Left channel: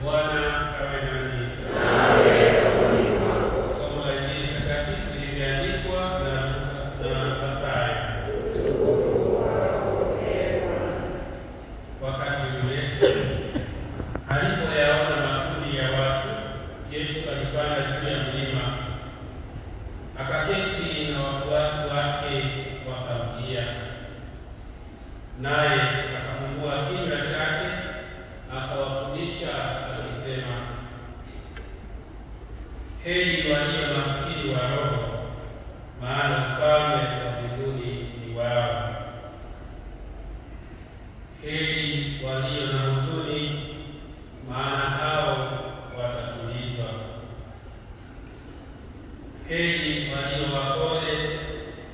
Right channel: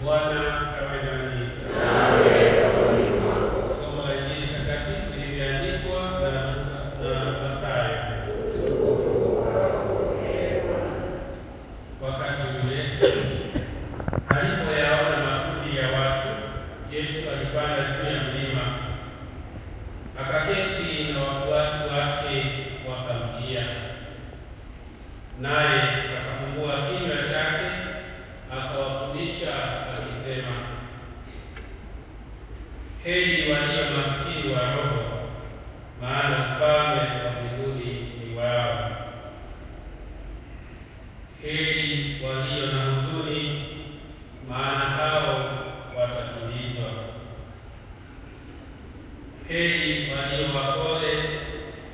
Bwana awe nanyi. Somo la Injili takatifu lililoandikwa na Mathayo. Wakati ule alipoyaona makundi ya watu, Yesu alipanda juu ya mlima, akaketi na wafuasi wake wakamjia. Naye akafungua kinywa chake akawafundisha akisema, heri walio maskini wa roho, maana ufalme wa mbinguni ni wao. Heri walio na huzuni, maana hao watatulizwa. Heri walio wapole,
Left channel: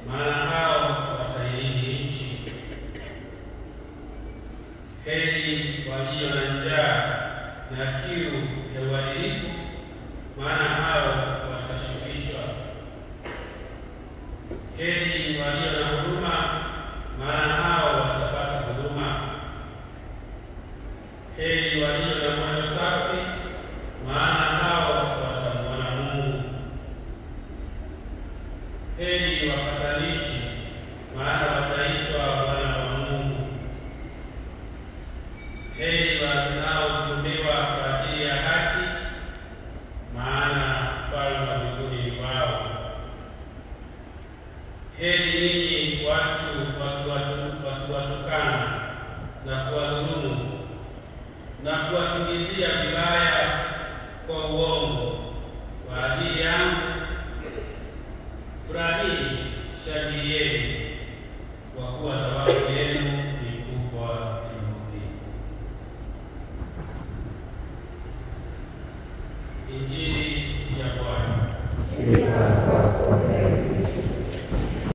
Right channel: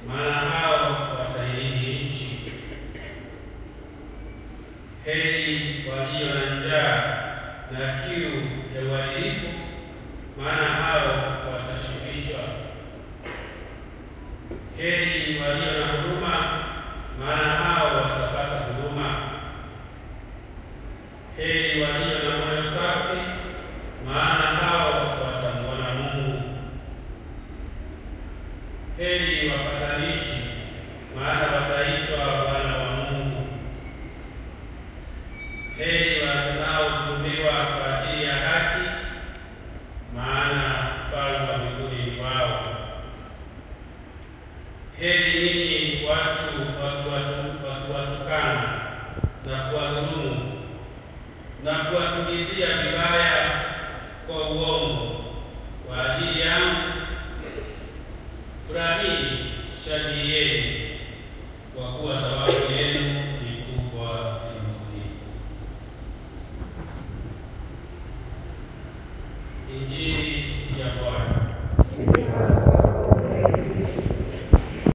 maana hao watairithi nchi. Heri walio na njaa na kiu ya uadilifu, maana hao watashibishwa. Heri walio na huruma, maana hao watapata huruma. Heri walio na moyo safi, maana hao watamwona Mungu. Heri wapatanishi, maana wataitwa wana wa Mungu. Heri wanaodhulumiwa kwa ajili ya haki, maana ufalme wa mbinguni ni wao. Heri ninyi watu wakiwatukana na kuwadhulumu na kuwasingizia vibaya kwa uongo kwa ajili yangu. Furahini, shangilieni, kwa kuwa thawabu yenu ni kubwa mbinguni. Injili